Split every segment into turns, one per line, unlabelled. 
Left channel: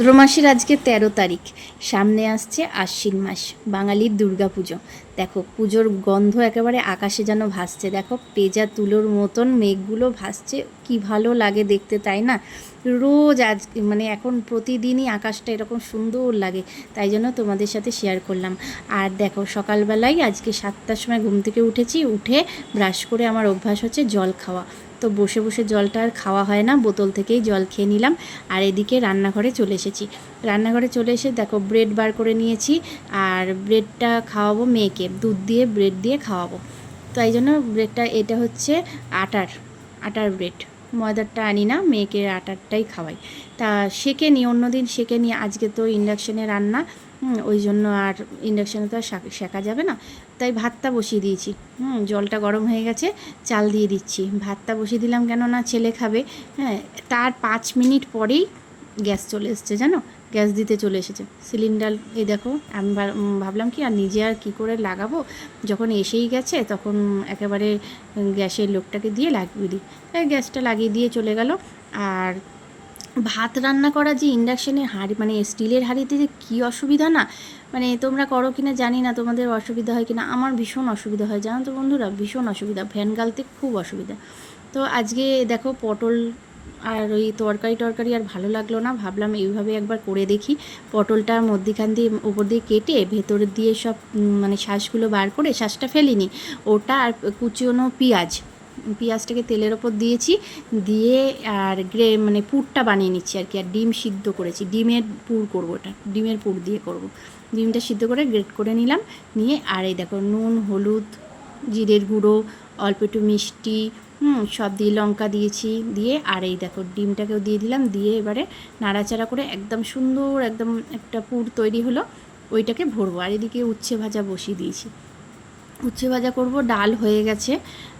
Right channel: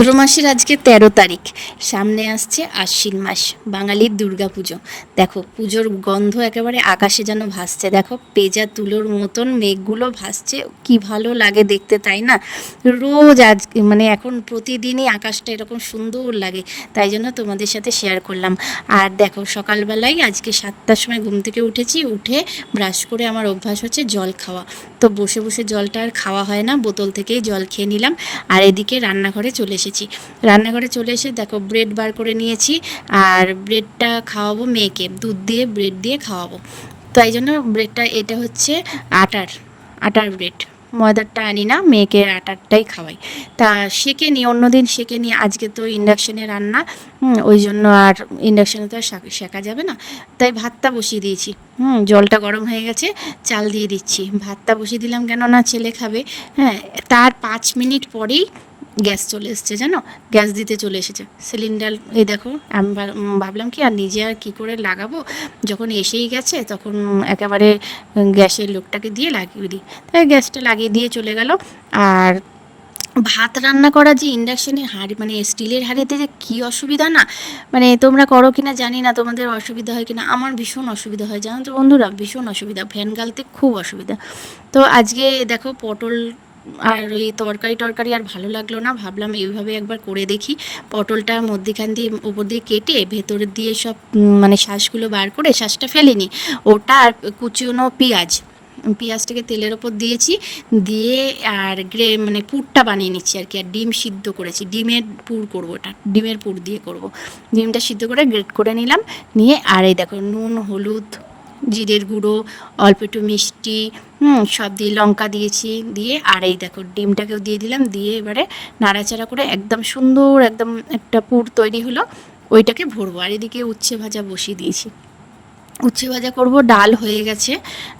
ভাদ্র মাসের আজকে তেরো তারিখ। সামনে আসছে আশ্বিন মাস, বাঙালির দুর্গাপুজো। দেখো, পুজোর গন্ধ একেবারে আকাশে যেন ভাসছে। দেখো, পেজা তুলোর মতন মেঘগুলো ভাসছে। কি ভালো লাগে দেখতে, তাই না? রোজ আজ মানে এখন প্রতিদিনই আকাশটা এরকম সুন্দর লাগে, তাই জন্য তোমাদের সাথে শেয়ার করলাম। আর দেখো, সকালবেলায় আজকে সাতটার সময় ঘুম থেকে উঠেছি, উঠে ব্রাশ করে আমার অভ্যাস হচ্ছে জল খাওয়া। তো বসে বসে জলটা আর খাওয়া হয় না। বোতল থেকেই জল খেয়ে নিলাম। আর এদিকে রান্নাঘরে চলে এসেছি। রান্নাঘরে চলে এসে দেখো ব্রেড বার করে নিয়েছি। আর ব্রেডটা খাওয়াবো মেয়েকে। দুধ দিয়ে, ব্রেড দিয়ে খাওয়াবো। তাই জন্য ব্রেডটা, এটা হচ্ছে আটার আটার ব্রেড। ময়দারটা আনি না, মেয়েকে আটারটাই খাওয়াই। তা সেকে নিই অন্যদিন সেকে নিই আজকে তো ইন্ডাকশানে রান্না ওই জন্য আর ইন্ডাকশানে তো আর শেখা যাবে না। তাই ভাতটা বসিয়ে দিয়েছি, হুম, জলটা গরম হয়ে গেছে, চাল দিয়ে দিচ্ছি। ভাতটা বসিয়ে দিলাম কেন না ছেলে খাবে হ্যাঁ তার পাঁচ মিনিট পরেই গ্যাস চলে এসছে, জানো? গ্যাস দিতে চলে এসেছে। সিলিন্ডার, এই দেখো আমি ভাবলাম কি, আর নিজে আর কী করে লাগাবো? যখন এসেই গেছে, তখন একেবারে গ্যাসের লোকটাকে দিয়ে লাগিয়ে দিই। তাই গ্যাসটা লাগিয়ে দিয়ে চলে গেল। আর ভাত রান্না করা যে ইন্ডাকশনের হাঁড়ি মানে স্টিলের হাঁড়িতে যে কী অসুবিধা না? মানে তোমরা করো কিনা জানি না, তোমাদের অসুবিধা হয় কিনা। আমার ভীষণ অসুবিধা হয়, জানো তো বন্ধুরা? ভীষণ অসুবিধা। ফ্যান গালতে খুব অসুবিধা। তো আজকে দেখো পটল আর ওই তরকারি টরকারি আর ভালো লাগল না। ভাবলাম এইভাবে একবার করে দেখি। পটলটা মধ্যিখান দিয়ে উপর দিয়ে কেটে ভেতর দিয়ে সব মানে শ্বাসগুলো বার করে শ্বাসটা ফেলিনি। ওটা আর কুচিনো পেঁয়াজ। পেঁয়াজটাকে তেলের ওপর দিয়েছি। দিয়ে আর গ্রে মানে পুরটা বানিয়ে নিচ্ছি আর কি। আর ডিম সিদ্ধ করেছি। ডিমের পুর করব ওটা। ডিমের পুর দিয়ে করব। ডিমটা সিদ্ধ করে গ্রেট করে নিলাম। নিয়ে আর এই দেখো, নুন, হলুদ, জিরের গুঁড়ো, অল্প একটু মিষ্টি হুম, সব দিয়ে লঙ্কা দিয়েছি, দিয়ে, আর এই দেখো ডিমটাকেও দিয়ে দিলাম, দিয়ে এবারে নাড়াচাড়া করে একদম সুন্দর একদম একটা পুর তৈরি হলো, ওইটাকে ভরবো। আর এদিকে উচ্ছে ভাজা বসিয়ে দিয়েছি। উচ্ছে ভাজা করব, ডাল হয়ে গেছে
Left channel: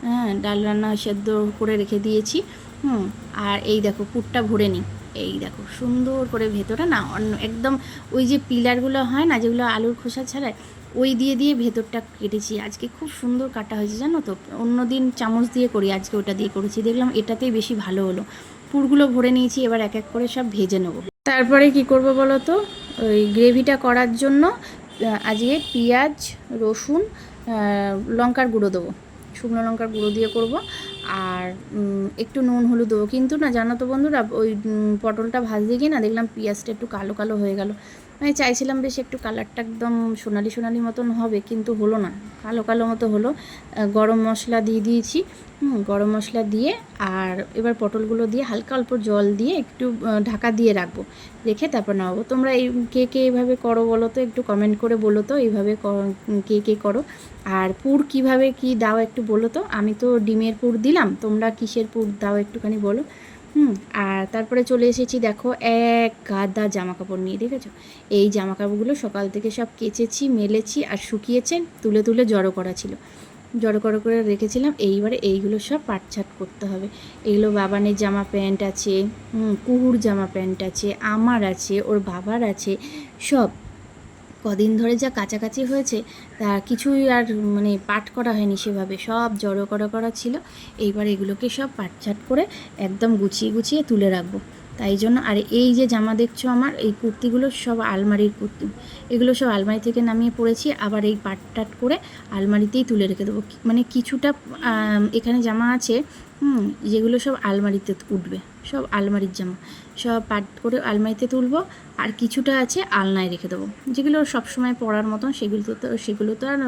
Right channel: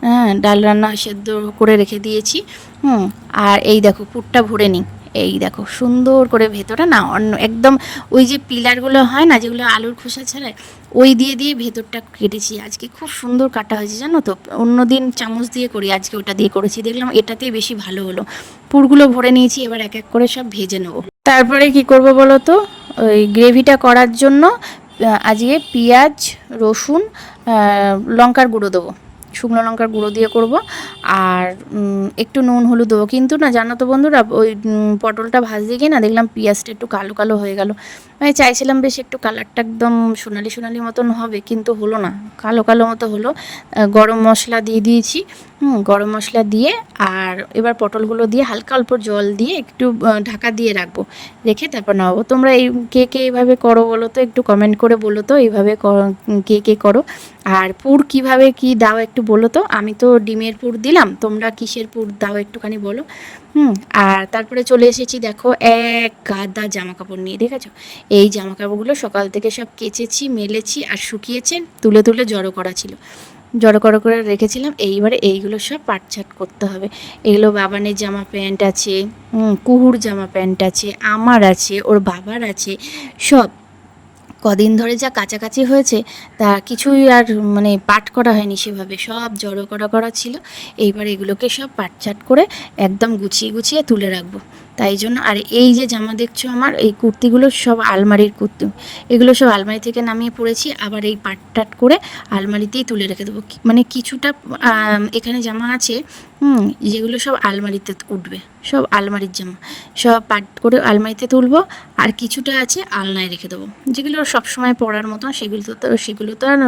হ্যাঁ ডাল রান্না সেদ্ধ করে রেখে দিয়েছি, হুম, আর এই দেখো পুরটা ভরে নিই। এই দেখো, সুন্দর করে ভেতরে না, অন্য একদম ওই যে পিলারগুলো হয় না, যেগুলো আলুর খোসা ছাড়ায় ওই দিয়ে দিয়ে ভেতরটা কেটেছি আজকে। খুব সুন্দর কাটা হয়েছে, জানো তো? অন্যদিন চামচ দিয়ে করি, আজকে ওটা দিয়ে করেছি। দেখলাম এটাতেই বেশি ভালো হলো। পুরগুলো ভরে নিয়েছি, এবার এক এক করে সব ভেজে নেব। তারপরে কি করব বলো তো? ওই গ্রেভিটা করার জন্য আজকে পেঁয়াজ, রসুন লঙ্কার গুঁড়ো দেবো। শুকনো লঙ্কার গুঁড়ো দিয়ে করব। আর একটু নুন হলুদ দেবো। কিন্তু না, জানো তো বন্ধুরা, ওই পটলটা ভাজতে গিয়ে না, দেখলাম পেঁয়াজটা একটু কালো কালো হয়ে গেল। আমি চাইছিলাম বেশ একটু কালারটা একদম সোনালি সোনালি মতন হবে, কিন্তু হলো না। কালো কালো মতো হলো। গরম মশলা দিয়ে দিয়েছি। গরম মশলা দিয়ে আর এবার পটলগুলো দিয়ে হালকা অল্প জল দিয়ে একটু ঢাকা দিয়ে রাখব। রেখে তারপর নামাবো। তোমরা এই কে কে এইভাবে করো বলো তো? একটু কমেন্ট করে বলো তো, এইভাবে ক- কে করো? আর পুর কীভাবে কি দাও একটু বলো তো? আমি তো ডিমের পুর দিলাম, তোমরা কিসের পুর দাও একটুখানি বলো। হুম, আর তারপরে চলে এসেছি দেখো এক গাদা জামা কাপড় নিয়ে, দেখেছ? এই জামা কাপড়গুলো সকাল থেকে সব কেচেছি, মেলেছি আর শুকিয়েছে, তুলে তুলে জড়ো করা ছিল। জড়ো করো করে রেখেছিলাম, এইবারে এইগুলো সব পাটছাট করতে হবে। এগুলো বাবানের জামা প্যান্ট আছে কুহুর জামা প্যান্ট আছে, আমার আছে, ওর বাবার আছে, সব। কদিন ধরে যা কাছাকাছি হয়েছে, তা কিছুই আর মানে পাট করা হয়নি সেভাবে। সব জড়ো করা করা ছিল। এইবার এগুলোকে সব পাটচাট করে একদম গুছিয়ে গুছিয়ে তুলে রাখব। তাই জন্য আর এই যে জামা দেখছ আমার, এই কুর্তিগুলো সব আলমারির কুর্তি। এগুলো সব আলমারি থেকে নামিয়ে পড়েছি, আবার এই পাট টাট করে আলমারিতেই তুলে রেখে দেবো। মানে কিছুটা এখানে জামা আছে, হুম, যেগুলো সব আলমারিতে উঠবে, সব আলমারির জামা। সব পাট করে আলমারিতে তুলবো, আর কিছুটা আছে আলনায় রেখে দেবো। যেগুলো সবসময় পরার মতন, সেগুলো তো সেগুলো তো আর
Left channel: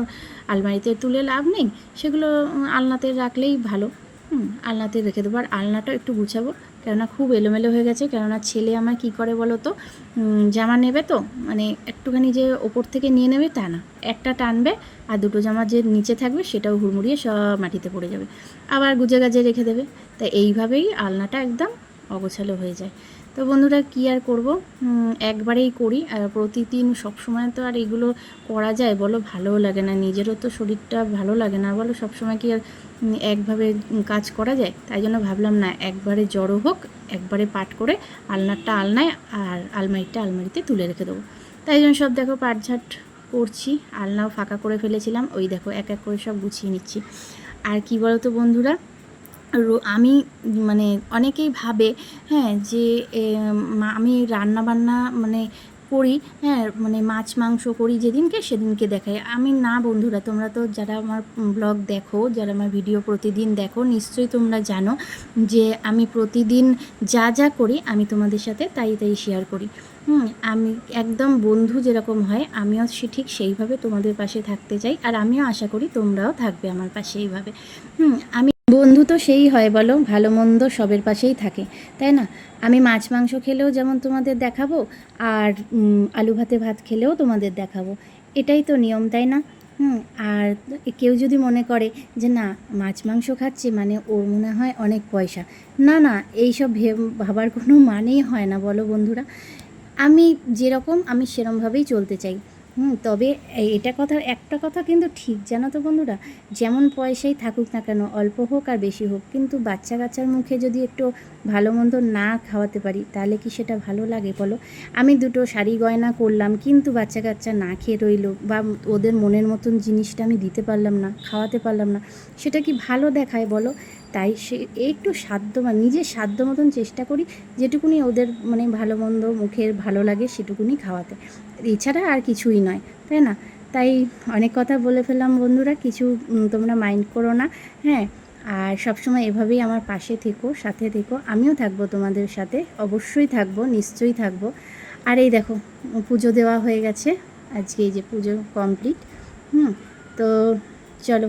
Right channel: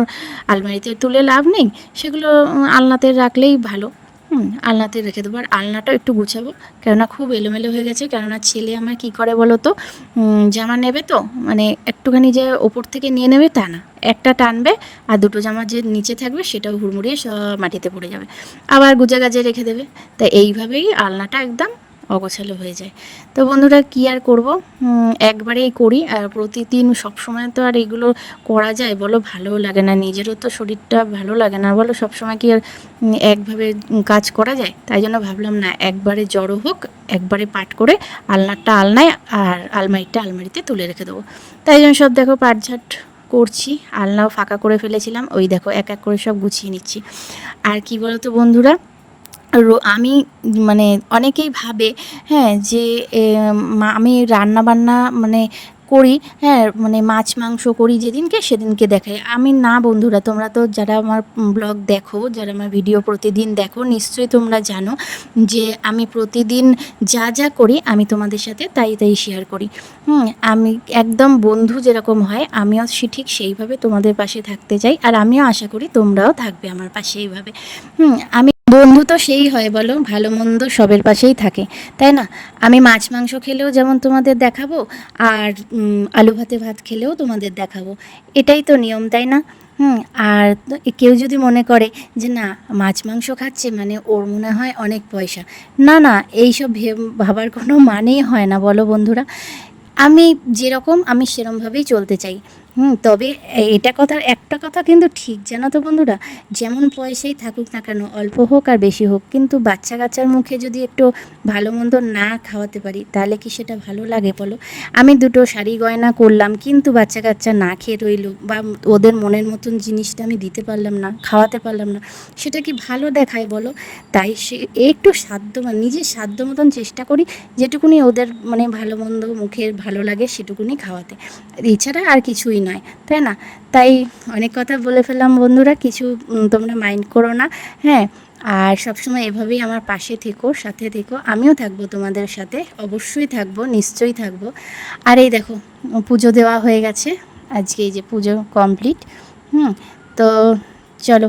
আলমারিতে তুলে লাভ নেই, সেগুলো আলনাতে রাখলেই ভালো। হুম, আলনাতে রেখে দেবো। আর আলনাটাও একটু গুছাবো। কেননা খুব এলোমেলো হয়ে গেছে। কেননা ছেলে আমার কি করে বলো তো? জামা নেবে তো? মানে একটুখানি যে ওপর থেকে নিয়ে নেবে তা না। একটা টানবে আর দুটো জামা যে নিচে থাকবে সেটাও হুড়মুড়িয়ে সব মাটিতে পড়ে যাবে। আবার গুজা গাজে রেখে দেবে। তাই এইভাবেই আলনাটা একদম অগোছালো হয়ে যায়। তো বন্ধুরা, কি আর করব? একবারেই করি আর প্রতিদিন সবসময় তো আর এগুলো করা যায় বলো, ভালোও লাগে না। নিজেরও তো শরীরটা ভালো লাগে না বলো, সবসময় কি আর একভাবে কাজ করা যায়? তাই জন্য ভাবলাম, না, একবারে জড়ো হোক, একবারে পাট করে আলনারটা আলনায় আর আলমারিটা আলমারিতে তুলে রেখে দেবো। তাই জন্য সব দেখো, পাটঝাট করছি, আলনাও ফাঁকা করে ফেলেছিলাম। ওই দেখো, এক এক করে সব গুছিয়ে নিচ্ছি। আর কি বলো তো বন্ধুরা আমি মানে অনেকেই ভাবে হ্যাঁ যে আমি রান্না বান্না মানে করি হ্যাঁ মানে মাছ, মাংস করি যেদিনকে সেদিনকে দেখাই। আমি না বন্ধুরা, তোমরা তো যারা আমার ব্লগ দেখো, যারা আমার ভিডিও প্রতিদিন দেখো, নিশ্চয়ই তোমরা জানো যে, আমি প্রতিদিন যা যা করি আমি তোমাদের সাথে তাই তাই শেয়ার করি। হুম, আমি একদম বন্ধু যেরকম হয়, আমিও সে ঠিক সেইভাবে তোমাদের পাশে থাকতে চাই, আর আমিও আশা করি তোমরাও থাকবে আমার পাশে এইভাবে। হুম, আমি বন্ধু তো সেই হয় বলো, ভালো মন্দ সবের পাশেই থাকে, তাই না? আমি মাছ মাংস খেলেও যেমন তোমাদের দেখাবো, আর আলু ভাতে ভাত খেলেও তোমাদের দেখাবো, এটাই তো নিয়ম, তাই না? হুম, আর কেউ যদি মনে করে যে না, মাছ মাংস খাচ্ছে মানে ওর মনে হয় অনেক পয়সা, না না, এইসব ভাবার কোনো মানেই হয় না, বলো বন্ধুরা। আমি যেরকম, আমি সেরমভাবেই চলতে চাই। হুম, তবে এটা কথা, একটা কথা কিন্তু ঠিক জানো তো বন্ধুরা, যেমন পয়সাই থাকুক না কেন, অল্প হোক আর বেশি হোক, কিন্তু বাচ্চা কাচ্চার মুখে যদি একটু ভালো মন্দ না খাওয়াতে পারি, তাহলে কি সেটা ভালো লাগে বলো? আমি দুটো শাড়ি গয়না করলাম, কিন্তু বাচ্চা কাচ্চা না খেয়ে রইল, বা ওদের মনের মতন জিনিসটা আমি দিতে পারলাম না, খাওয়াতে পারলাম না, সেটা কি ভালো দেখায় বলো? তাই সে একটু সাধ্য মানে নিজের সাধ্য মতন চেষ্টা করি, যেটুকুনি ওদের মানে ভালো মন্দ মুখের ভালো লাগে, সেটুকুনি খাওয়াতে। এছাড়া আর কিছুই নয়, তাই না? তাই অনেক কথা বলে ফেললাম বন্ধুরা, কিছু তোমরা মাইন্ড করো না হ্যাঁ? আর সবসময় এভাবেই আমার পাশে থেকো, সাথে থেকো, আমিও থাকব তোমাদের সাথে, অবশ্যই থাকব, নিশ্চয়ই থাকব। আর এই দেখো, পুজো দেওয়া হয়ে গেছে, আজকে এই যে পুজো কমপ্লিট হুম? তো চলো,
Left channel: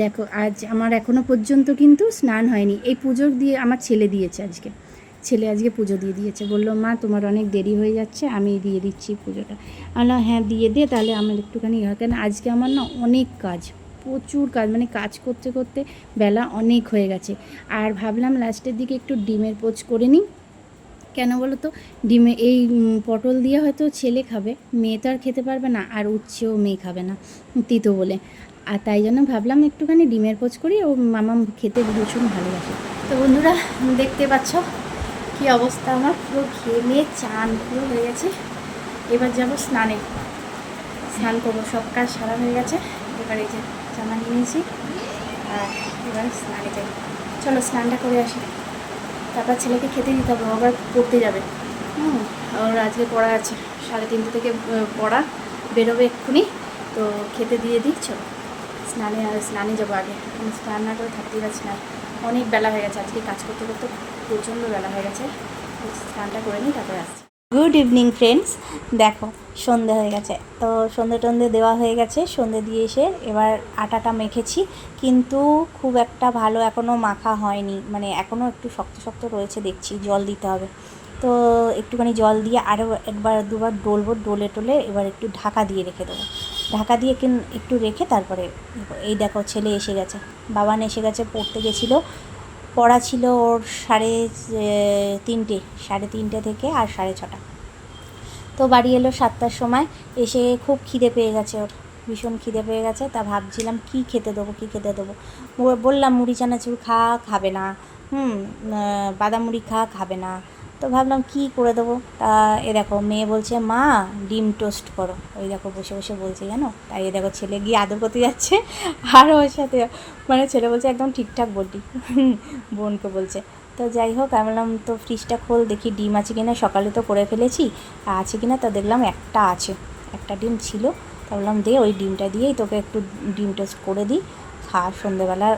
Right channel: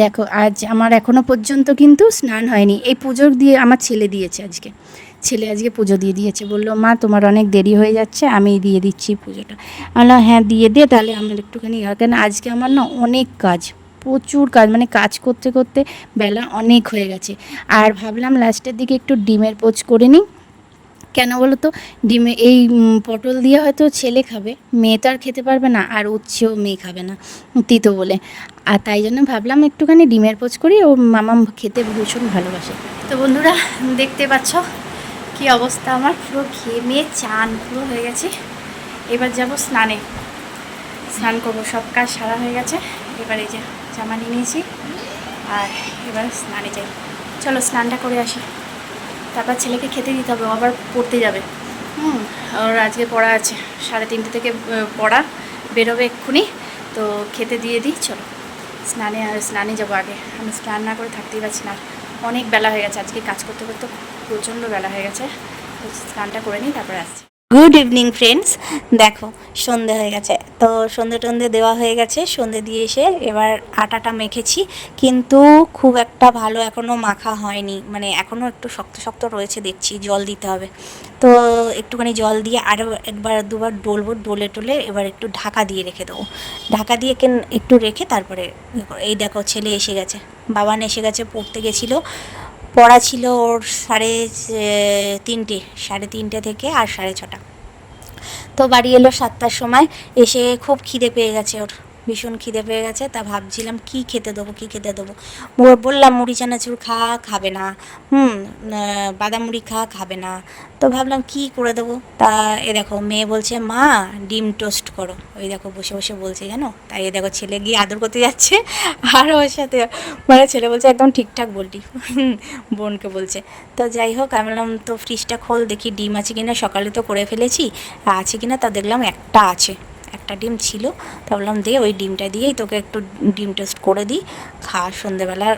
দেখো, আজ আমার এখনও পর্যন্ত কিন্তু স্নান হয়নি, এই পুজোর দিয়ে, আমার ছেলে দিয়েছে আজকে। ছেলে আজকে পুজো দিয়ে দিয়েছে। বলল, মা, তোমার অনেক দেরি হয়ে যাচ্ছে, আমি দিয়ে দিচ্ছি পুজোটা। আমি হ্যাঁ দিয়ে দে, তাহলে আমার একটুখানি হয় কেন, আজকে আমার না অনেক কাজ, প্রচুর কাজ মানে কাজ করতে করতে বেলা অনেক হয়ে গেছে। আর ভাবলাম লাস্টের দিকে একটু ডিমের পোচ করে নিই। কেন বলো তো, ডিমে, এই পটল দিয়ে হয়তো ছেলে খাবে, মেয়ে তো আর খেতে পারবে না, আর উচ্ছেও মেয়ে খাবে না, তিতো বলে। আর তাই জন্য ভাবলাম একটুখানি ডিমের পোচ করি, ও মামা খেতে ভীষণ ভালোবাসে। তো বন্ধুরা, দেখতে পাচ্ছ কি অবস্থা আমার? পুরো ঘেমে চান পুরো হয়ে গেছে। এবার যাব স্নানে। স্নান করব, সব কাজ সারা হয়ে গেছে। এবার এই যে জামা নিয়ে নিয়েছি, আর এবার স্নানে যাই। চলো স্নানটা করে আসি। তারপর ছেলেকে খেতে দিতে হবে আবার পড়তে যাবে। হুম, ওর আজকে পড়া আছে। সাড়ে তিনটে থেকে পড়া বেরোবে এক্ষুনি। তো খেতে দিয়ে দিই, চলো। স্নানে আর স্নানে যাব আগে। আমি স্নান না করে থাকতেই পারছি না। অনেক বেলা হয়ে গেছে। আজকে কাজ করতে করতে প্রচণ্ড বেলা হয়ে গেছে। স্নানটা করে নিই, তারপরে আসছি। গুড ইভিনিং ফ্রেন্ডস দেখো, সন্ধে হয়ে গেছে। তো সন্ধে টন্ধে দেওয়া হয়ে গেছে। সন্ধে দিয়ে এসে এবার আটাটা মেখেছি। কিন্তু খুব একটা ভালো এখনও মাখা হয়নি। মানে এখনও একটু শক্ত শক্ত রয়েছে, দেখছি জল দিতে হবে। তো একটুখানি জল দিয়ে আরও একবার দুবার ডলবো, ডলে টলে এবার একটু ঢাকা দিয়ে রেখে দেবো। ঢাকা দিয়ে কেন একটু রেখে তারপরে ইয়ে এই দেখো, ছেলে এসে গেছে। বাবান এসে গেছে, পড়তে গেছিল। পড়া ছিল ওর সাড়ে তিনটে সাড়ে তিনটে থেকে আর সাড়ে ছটা। তো বাড়ি এলো সাতটার সময়, এসে খুব খিদে পেয়ে গেছে ওর। ভীষণ খিদে পেয়ে গেছে, তা ভাবছিলাম কি খেতে দেবো, কি খেতে দেবো। বললাম, মুড়ি চানাচুর খা, খাবে না। হুম বাদাম মুড়ি খা, খাবে না। তো ভাবলাম কি করে দেবো? তা এ দেখো, মেয়ে বলছে, মা, ডিম টোস্ট করো। ওই দেখো, বসে বসে বলছে, জানো? তাই এ দেখো, ছেলে গিয়ে আদর করতে যাচ্ছে। আর ওর সাথে মানে ছেলে বলছে, একদম ঠিকঠাক বলটি বোনকে বলছে। তো যাই হোক, আমি বললাম, তো ফ্রিজটা খোল, দেখি ডিম আছে কিনা? সকালে তো করে ফেলেছি, আছে কিনা? তা দেখলাম একটা আছে। একটা ডিম ছিল, তা বললাম দে ওই ডিমটা দিয়েই তোকে একটু ডিম টোস্ট করে দিই, খা সন্ধেবেলা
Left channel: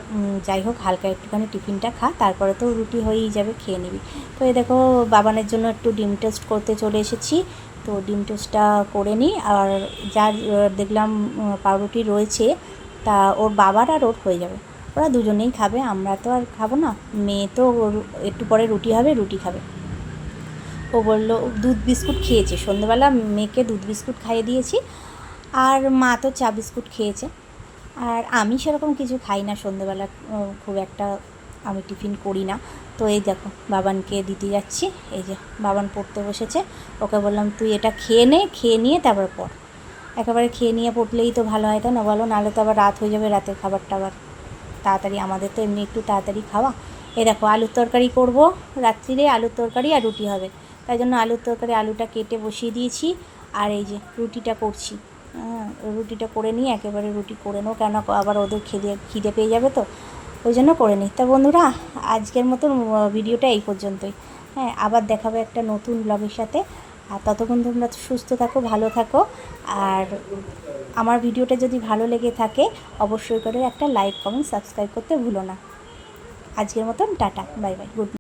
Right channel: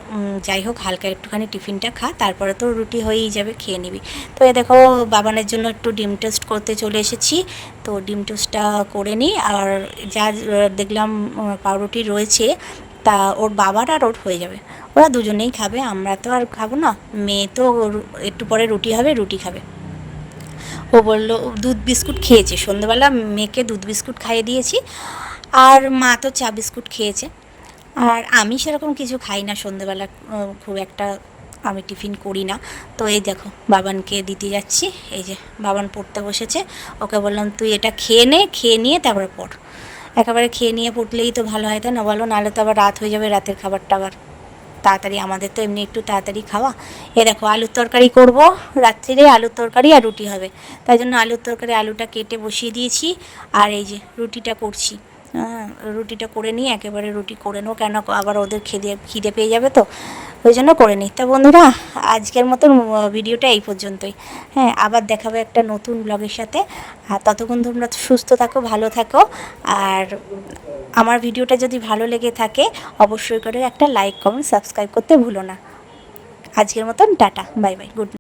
যাই হোক হালকা একটুখানি টিফিনটা খা, তারপরে তো রুটি হয়েই যাবে, খেয়ে নিবি। তো এ দেখো বাবানের জন্য একটু ডিম টোস্ট করতে চলে এসেছি, তো ডিম টোস্টটা করে নিই, আর যা দেখলাম পাউরুটি রয়েছে, তা ওর বাবার আর ওর হয়ে যাবে। ওরা দুজনেই খাবে, আমরা তো আর খাব না, মেয়ে তো একটু পরে রুটি হবে, রুটি খাবে। ও বলল, দুধ বিস্কুট খেয়েছে। সন্ধ্যেবেলা মেয়েকে দুধ বিস্কুট খাইয়ে দিয়েছি, আর মা তো চা বিস্কুট খেয়েছে। আর আমি সেরকম কিছু খাই না সন্ধ্যেবেলা খুব একটা আমি টিফিন করি না। তো এই দেখো, বাবানকে দিতে যাচ্ছি। এই যে, বাবান পড়তে বসেছে। ওকে বললাম, তুই এটা খেয়ে নে, খেয়ে নিয়ে তারপর পড়। একেবারে খেয়ে নিয়ে পড়লেই তো ভালো হয়, তাই না? বলো, নাহলে তো আবার রাত হয়ে যাবে, রাতের খাবারটা আবার তাড়াতাড়ি, আমাদের তো এমনি একটু তাড়াতাড়ি খাওয়া। এ দেখো, আলুর তরকারি করব রাত্রিরে, আলুর তরকারি আর রুটি হবে। তাই জন্য আলুর তরকারি, আলুটা কেটে বসিয়ে দিয়েছি, আর এই যে রুটিটা করছি। রুটিটা করে নিয়ে একেবারে রুটি করে নেব, কেন আবার ওদের খিদে খিদে পেয়ে যাবে তো? ওই জন্য করে নিই তা বন্ধুরা, আজকের মতন ভিডিওটা এই পর্যন্তই। হ্যাঁ আবার দেখাবে একটা নতুন ব্লগের সাথে। আর ততক্ষণ তোমরা সুস্থ থাকো, ভালো থাকো। আর আমার ভিডিওটা যদি ভালো লেগে থাকে, অবশ্যই করে একটা লাইক, কমেন্ট, সাবস্ক্রাইব করতে ভুলো না। আজকের মতন, টাটা, বাই বাই, গুড